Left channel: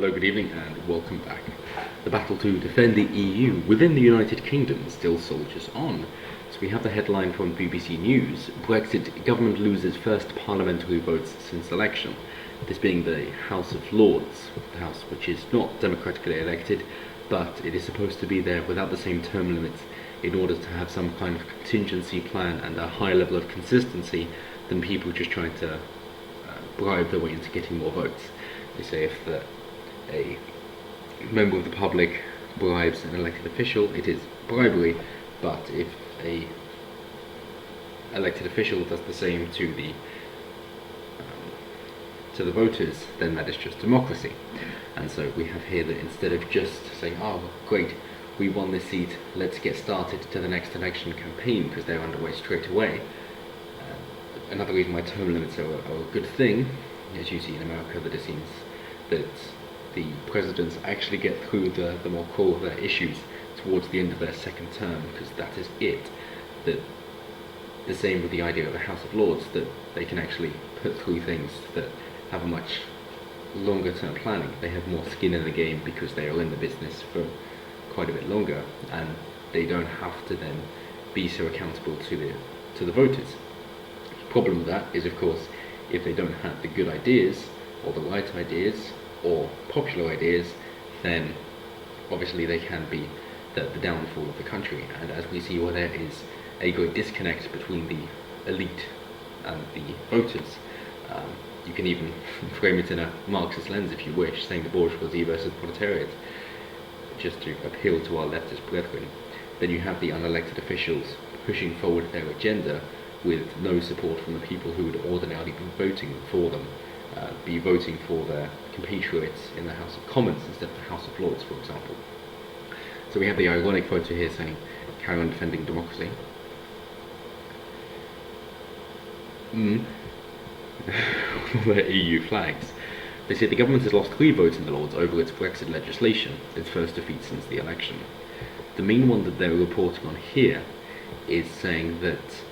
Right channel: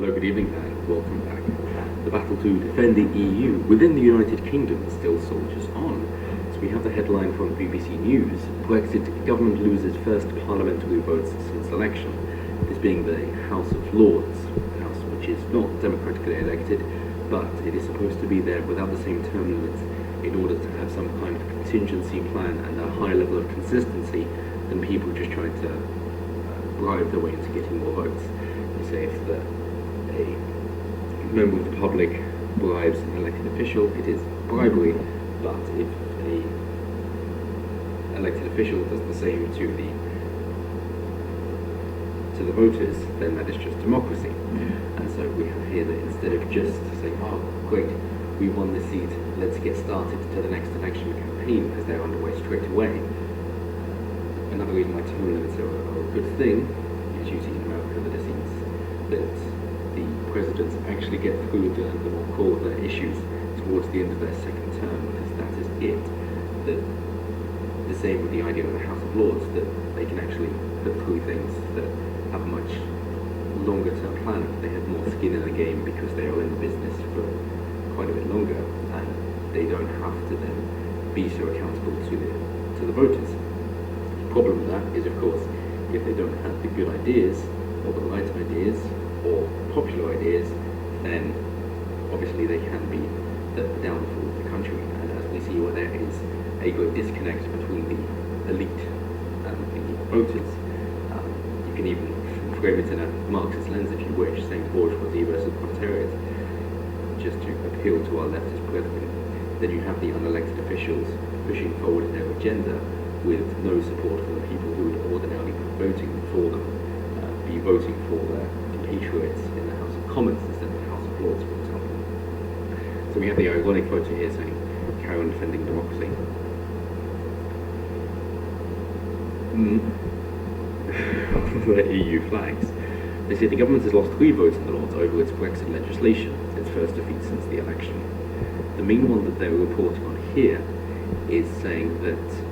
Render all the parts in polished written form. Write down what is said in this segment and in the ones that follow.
Hello, good evening, and welcome back. The battle to defend the EU within the United Kingdom still soldiers on. So we have the headline from BBC News: Brexit government loses first parliamentary votes since election. This being the House of Lords, the House which is not democratically elected, but it is supposed to be there without the same term limits in order to have some kind of contingency plan and a higher level of consistency than people just trying to bribe their way into getting more votes. They say if a member of the public bribes an elected official, it is bribery, but if a elected official does the same to the voters, then that is just democracy. And so we have here that instead of just saying, oh great, we won this seat, let's get started to the next election campaign, because they're underway straight away. Another reason why term limits are a good thing, as you see in America, that it seems that the presidents actually get through the more core of their issues towards the end of their second term, because that is it. That the same with the idea of the House of Lords, that they can actually put through things that have a much longer term planning. They have more skin in the game because they are in the business for quite a bit longer, and they don't have to then be so accountable to the voters. The problem with that is, of course, if they don't have the good ideas, or the right ideas, or popular ideas, then obviously they can be the downfall of the country. And as we see, where there is a great disconnect between the elite and the voters, you can even frame it in a Marxist lens if you wish, saying the bourgeoisie versus proletariat, just to appeal to our leftist brethren. Then you have the unelected officials pushing forward their agenda with no support from the people who would ordinarily be voting for them, be voting for their compatriots in the House of Commons instead of the House of Lords, for example. So we have the ironic photo here saying, carry on defending democracy. The EU flags. They say the government has lost 3 votes in the Lords over its Brexit legislation, its first defeat since the election. The main one that they're reporting on here is saying that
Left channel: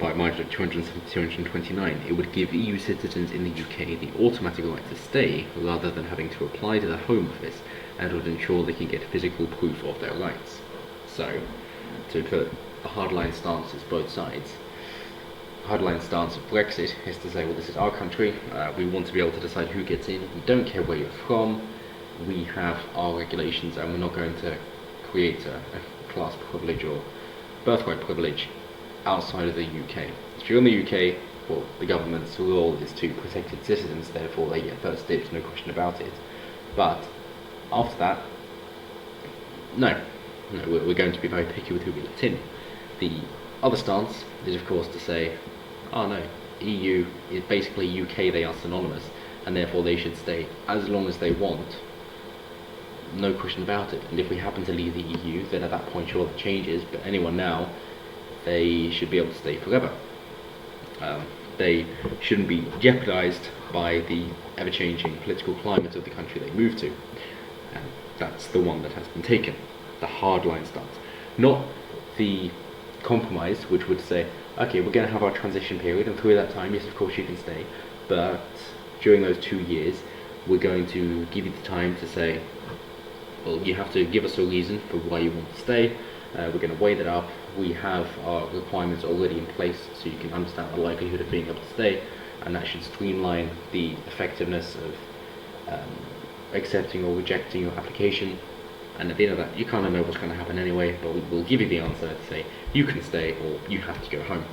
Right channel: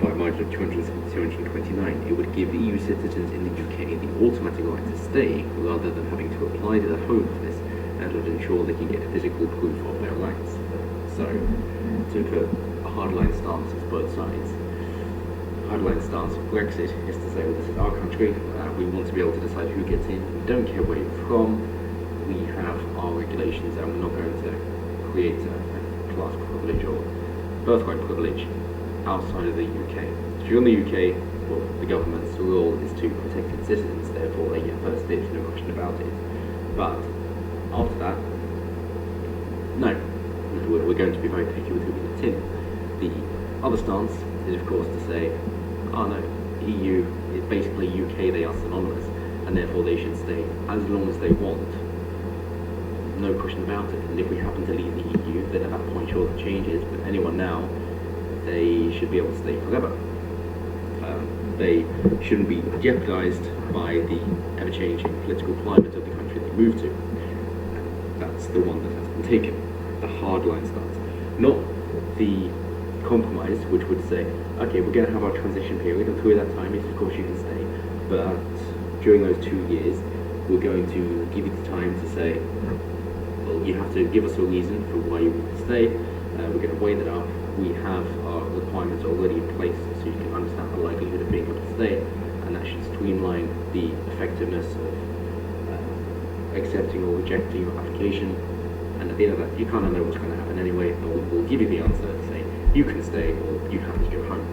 by a margin of 229, it would give EU citizens in the UK the automatic right to stay rather than having to apply to the Home Office, and would ensure they can get physical proof of their rights. So, to put a hardline stance as both sides, hardline stance of Brexit is to say, well, this is our country, we want to be able to decide who gets in, we don't care where you're from, we have our regulations, and we're not going to create a class privilege or birthright privilege outside of the UK. If you're in the UK, well, the government's role is to protect its citizens, therefore they get first dibs, no question about it. But after that, no, we're going to be very picky with who we let in. The other stance is, of course, to say, oh no, EU is basically UK, they are synonymous, and therefore they should stay as long as they want. No question about it. And if we happen to leave the EU, then at that point, sure, that changes, but anyone now, they should be able to stay forever. They shouldn't be jeopardized by the ever-changing political climate of the country they move to. And that's the one that has been taken, the hardline stance. Not the compromise, which would say, okay, we're going to have our transition period, and through that time, yes, of course you can stay, but during those 2 years, we're going to give you the time to say, well, you have to give us a reason for why you want to stay, we're going to weigh that up, we have our requirements already in place so you can understand the likelihood of being able to stay, and that should streamline the effectiveness of accepting or rejecting your application. And at the end of that, you kind of know what's going to happen anyway, but we'll give you the answer to say you can stay or you have to go home.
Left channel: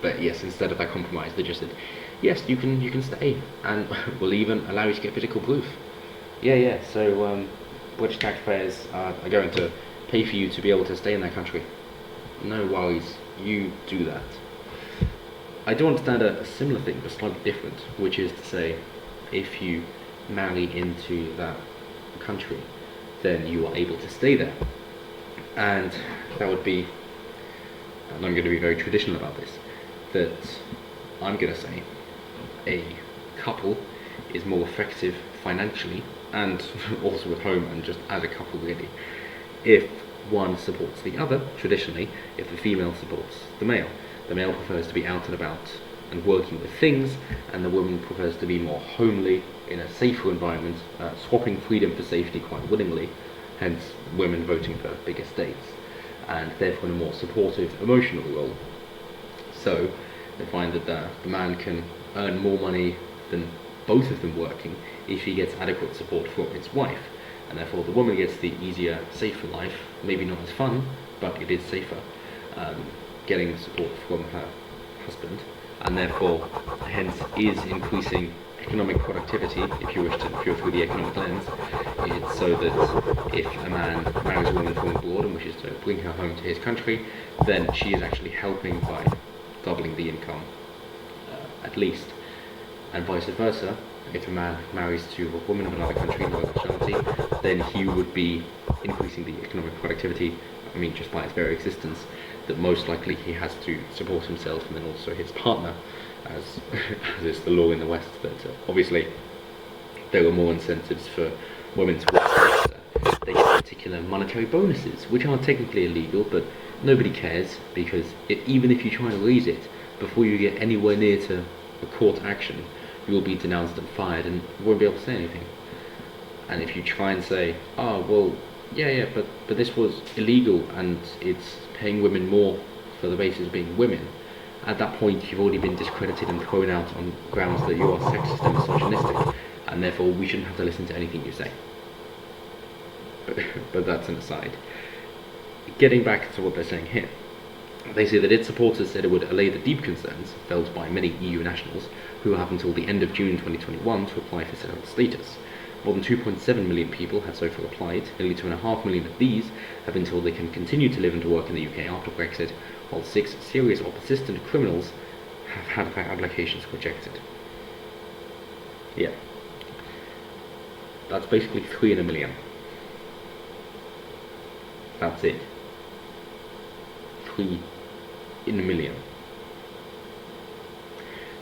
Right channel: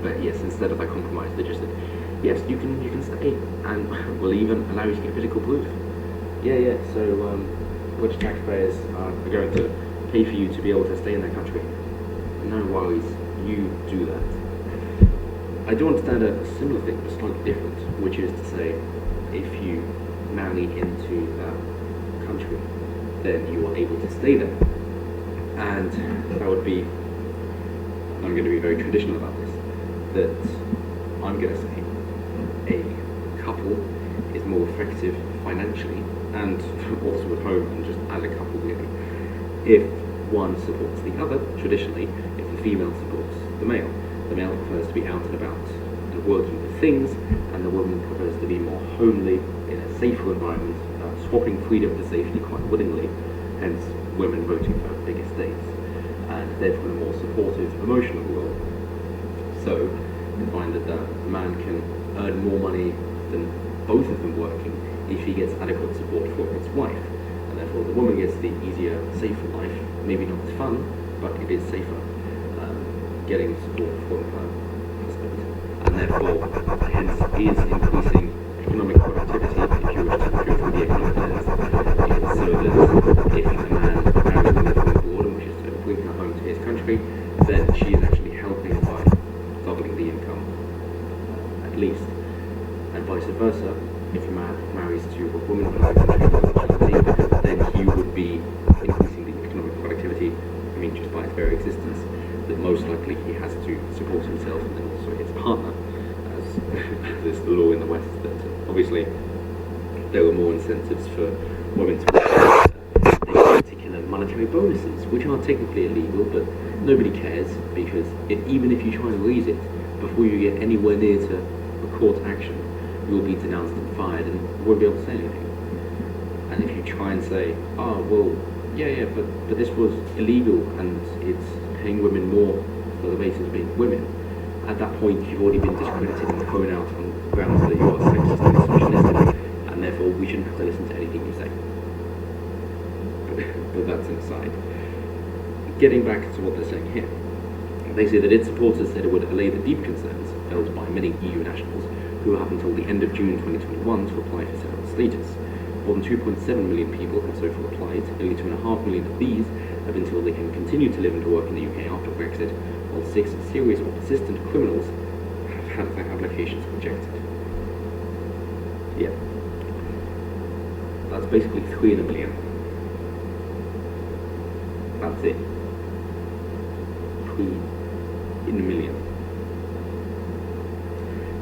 But yes, instead of that compromise, they just said, yes, you can stay, and we'll even allow you to get physical proof. Yeah, so British taxpayers are going to pay for you to be able to stay in that country. No worries, you do that. I do understand a similar thing, but slightly different, which is to say, if you marry into that country, then you are able to stay there. And that would be, and I'm going to be very traditional about this, that I'm going to say a couple is more effective financially and also at home and just as a couple really, if one supports the other. Traditionally, if the female supports the male prefers to be out and about and working with things, and the woman prefers to be more homely in a safer environment, swapping freedom for safety quite willingly, hence women voting for big estates, and therefore in a more supportive, emotional role. So they find that the man can earn more money than both of them working if he gets adequate support from his wife, and therefore the woman gets the easier, safer life, maybe not as fun, but it is safer, getting support from her husband, and therefore hence is increasing economic productivity, if you wish to go through the economic lens. It's so that if a man marries a woman from abroad and wishes to bring her home to his country, then she is actually helping by doubling the income, at least, and vice versa. If a man marries to a woman of another country by nationality, then he would be increasing the economic productivity. I mean, just by his very existence, that most likely he has to support himself and then also his partner, as is the law in the West. That obviously there are more incentives for women to work. They get particular monetary bonuses, which are technically illegal, but nobody cares, because even if you try and raise it before you get anywhere near to a court action, you will be denounced and fired and won't be able to say anything. And if you try and say, oh well, but this was illegal and it's paying women more for the basis of being women, at that point you've already been discredited and thrown out on grounds that you are sexist and misogynistic, and therefore we shouldn't have to listen to anything you say. But that's an aside. Getting back to what they're saying here, they say that its supporters said it would allay the deep concerns felt by many EU nationals who have until the end of June 2021 to apply for settled status. More than 2.7 million people have so far applied. Nearly 2.5 million of these have been told they can continue to live and to work in the UK after Brexit, while 6 serious or persistent criminals have had their applications rejected. Yeah. That's basically 3 in a million. That's it. 3 in a million.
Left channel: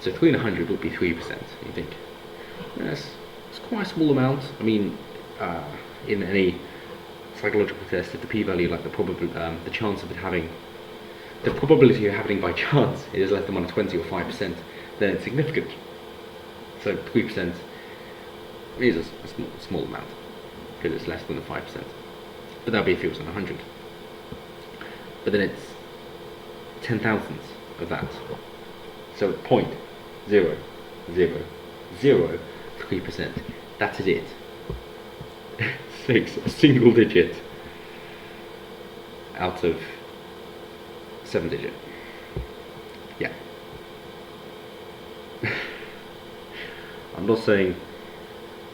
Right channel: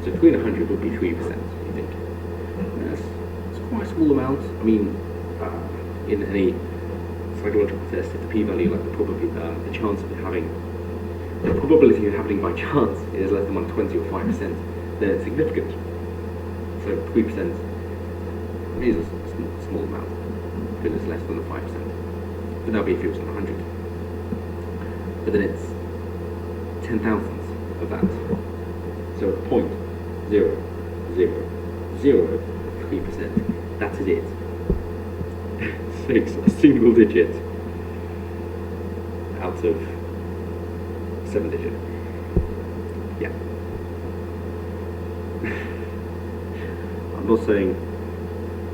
So 3 in 100 would be 3%, you think? Yes. It's quite a small amount. I mean, in any psychological test, if the p-value, like the chance of it having, the probability of happening by chance is less than 1 in 20 or 5%, then it's significant. So 3% is a small amount, because it's less than the 5%. But that would be if it was in 100. But then it's 10 thousandths of that. So 0.0003%. That is it. 6, a single digit out of 7 digit. Yeah. I'm not saying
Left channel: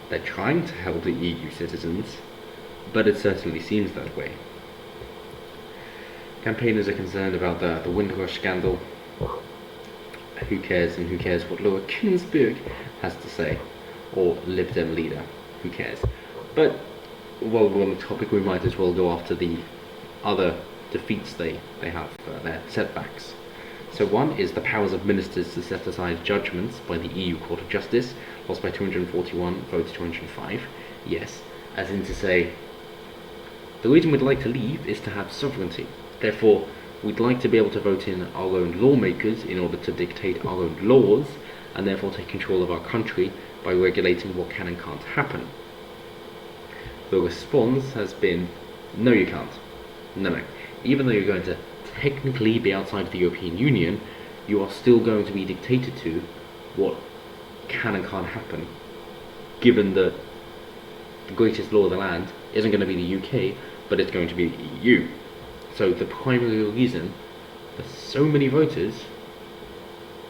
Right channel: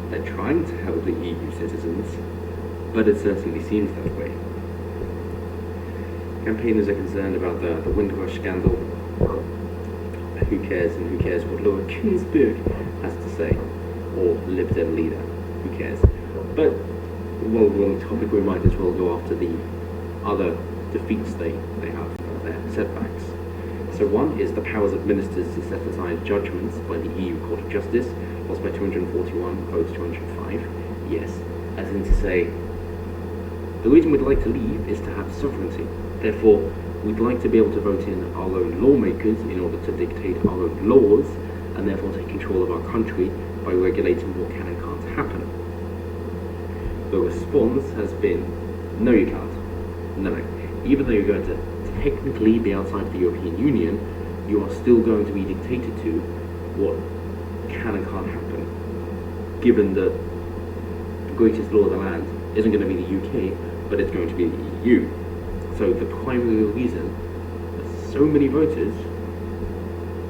they're trying to help the EU citizens, but it certainly seems that way. Campaigners are concerned about the Windrush scandal. Who cares, and who cares what Laura Ginsburg has to say, or Lib Dem leader, who cares? But while we're on the topic, we might as well go after the other defeats they have, their setbacks. So one is the powers of ministers to set aside judgments by the EU Court of Justice, lost by 241 votes to 205. Yes, as in to say, the reason we'd like to leave is to have sovereignty. Therefore, we'd like to be able to vote in our own lawmakers in order to dictate our own laws, and therefore take control of our country by regulating what can and can't happen. The response has been, no you can't. No. Even though you're going to technically be outside the European Union, you are still going to be dictated to what can and can't happen, given that the greatest law of the land isn't going to be the UK, but it's going to be the EU. So the primary reason there's so many voters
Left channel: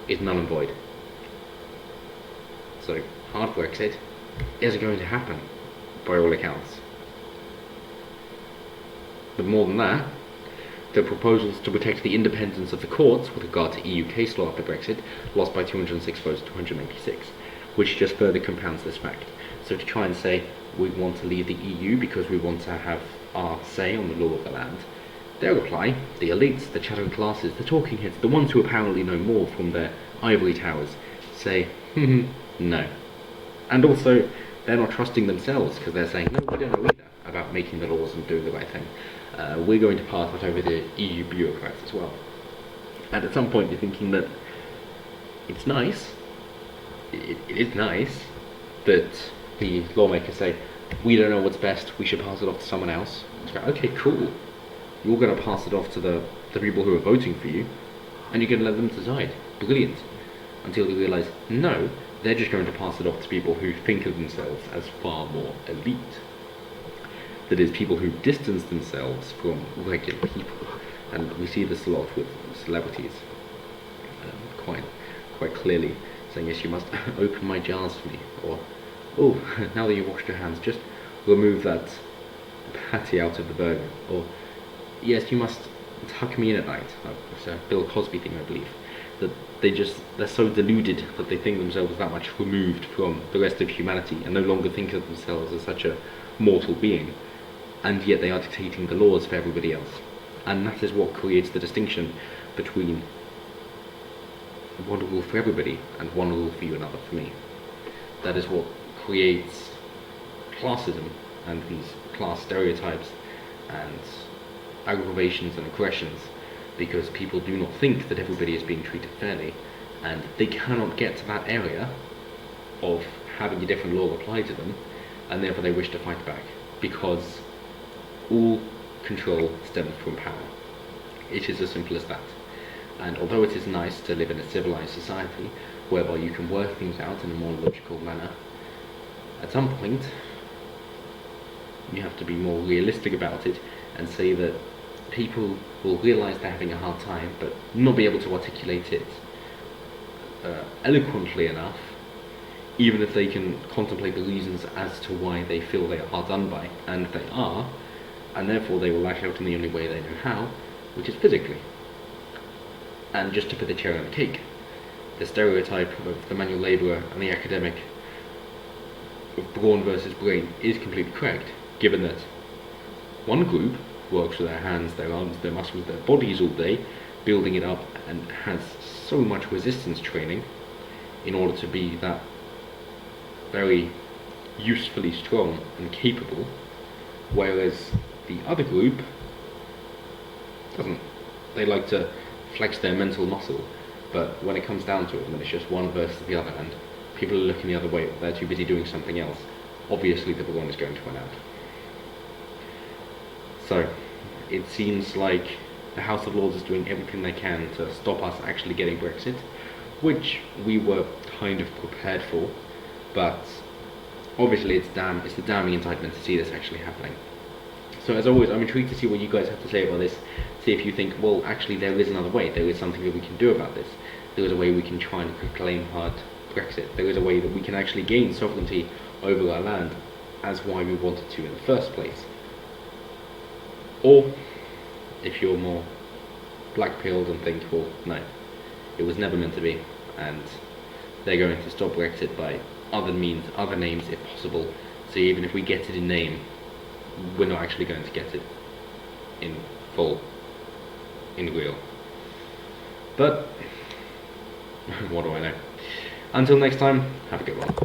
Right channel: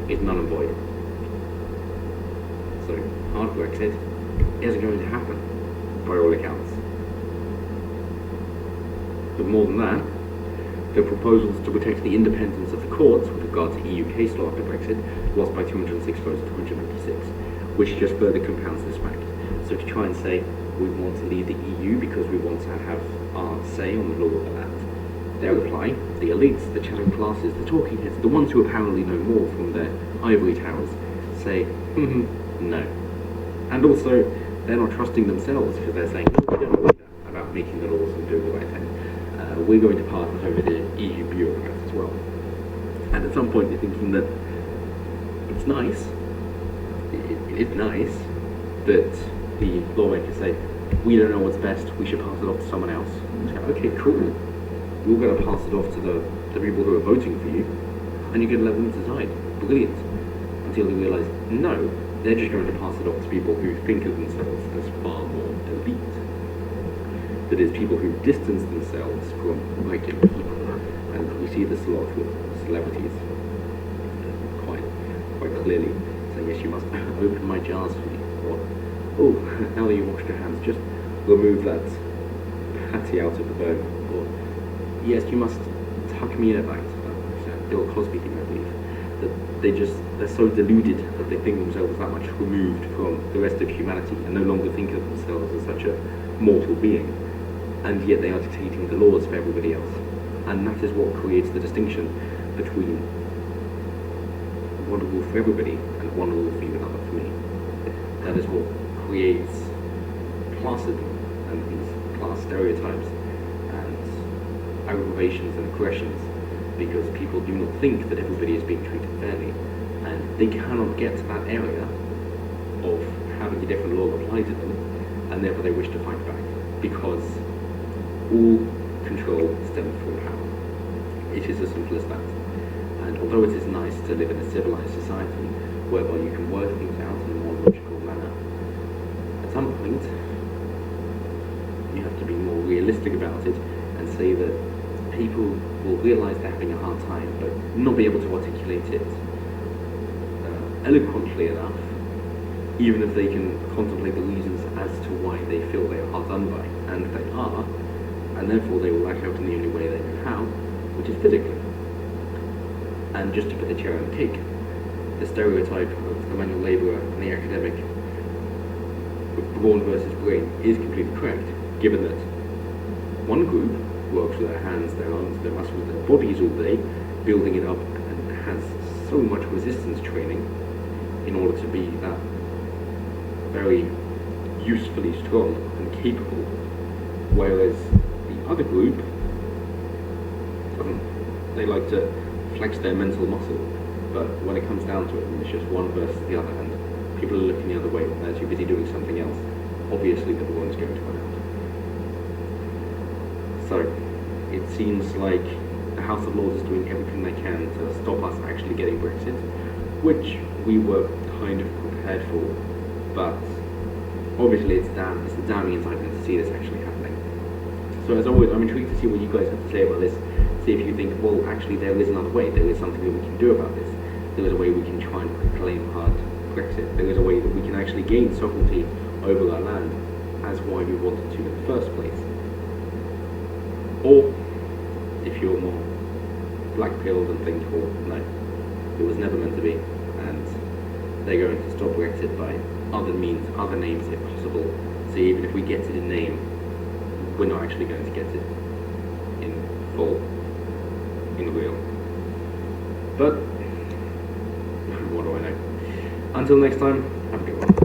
is null and void. So hard Brexit isn't going to happen, by all accounts. But more than that, the proposals to protect the independence of the courts with regard to EU case law after Brexit lost by 206 votes to 286, which just further compounds this fact. So to try and say we want to leave the EU because we want to have our say on the law of the land, their reply, the elites, the chattering classes, the talking heads, the ones who apparently know more from their ivory towers, say, no. And also, they're not trusting themselves because they're saying, no, we don't know either about making the laws and doing the right thing. We're going to pass it over the EU bureaucrats as well. And at some point you're thinking that It's nice. It is nice that the lawmakers say, we don't know what's best, we should pass it off to someone else. So, okay, cool. You're going to pass it off to the people who are voting for you, and you're going to let them decide. Brilliant. Until they realise, no, they're just going to pass it off to people who think of themselves as far more elite. That is, people who distance themselves from regular people. And we see this a lot with celebrities, quite clearly, saying, yes, you must open my jars for me, or, oh, now that you've washed your hands, just remove that patty out of the burger, or, yes, you must tuck me in at night. It's a Bill Cosby thing, I believe. That they're so deluded that they think themselves that much removed from the rest of humanity and no longer think of themselves as such a mortal being, and yet they are dictating the laws for everybody else. And that is what creates the distinction between one rule for everybody and one rule for you, another for me. That is what creates classism and these class stereotypes and aggravations and aggressions, because people do not think that everybody is being treated fairly, and they cannot get to that area of having a different law applied to them, and therefore they wish to fight back, because all control stems from power. It is as simple as that. And although it is nice to live in a civilized society whereby you can work things out in a more logical manner, at some point you have to be more realistic about it and say that people will realise they're having a hard time but not be able to articulate it eloquently enough, even if they can contemplate the reasons as to why they feel they are done by, and they are, and therefore they will lash out in the only way they know how, which is physically. And just to put the cherry on the cake, the stereotype of the manual labourer and the academic of brawn versus brain is completely correct, given that one group works with their hands, their arms, their muscles, their bodies all day, building it up, and has so much resistance training in order to be that very usefully strong and capable, whereas the other group doesn't. They like to flex their mental muscle, but when it comes down to it, when it's just one versus the other, and people are looking the other way, they're too busy doing something else, obviously the brawn is going to run out. So, it seems like the House of Lords is doing everything they can to stop us actually getting Brexit, which we were kind of prepared for, but obviously it's a damning indictment to see this actually happening. So as always, I'm intrigued to see what you guys have to say about this, see if you think, well, actually there is another way, there is something that we can do about this, there is a way we can try and proclaim hard Brexit, there is a way that we can actually gain sovereignty over our land as why we wanted to in the first place. Or, if you're more black-pilled and think, well, no, it was never meant to be, and they're going to stop Brexit by other means, other names if possible, so even if we get it in name, we're not actually going to get it in full, in real. But, what do I know? Until next time, have a good one.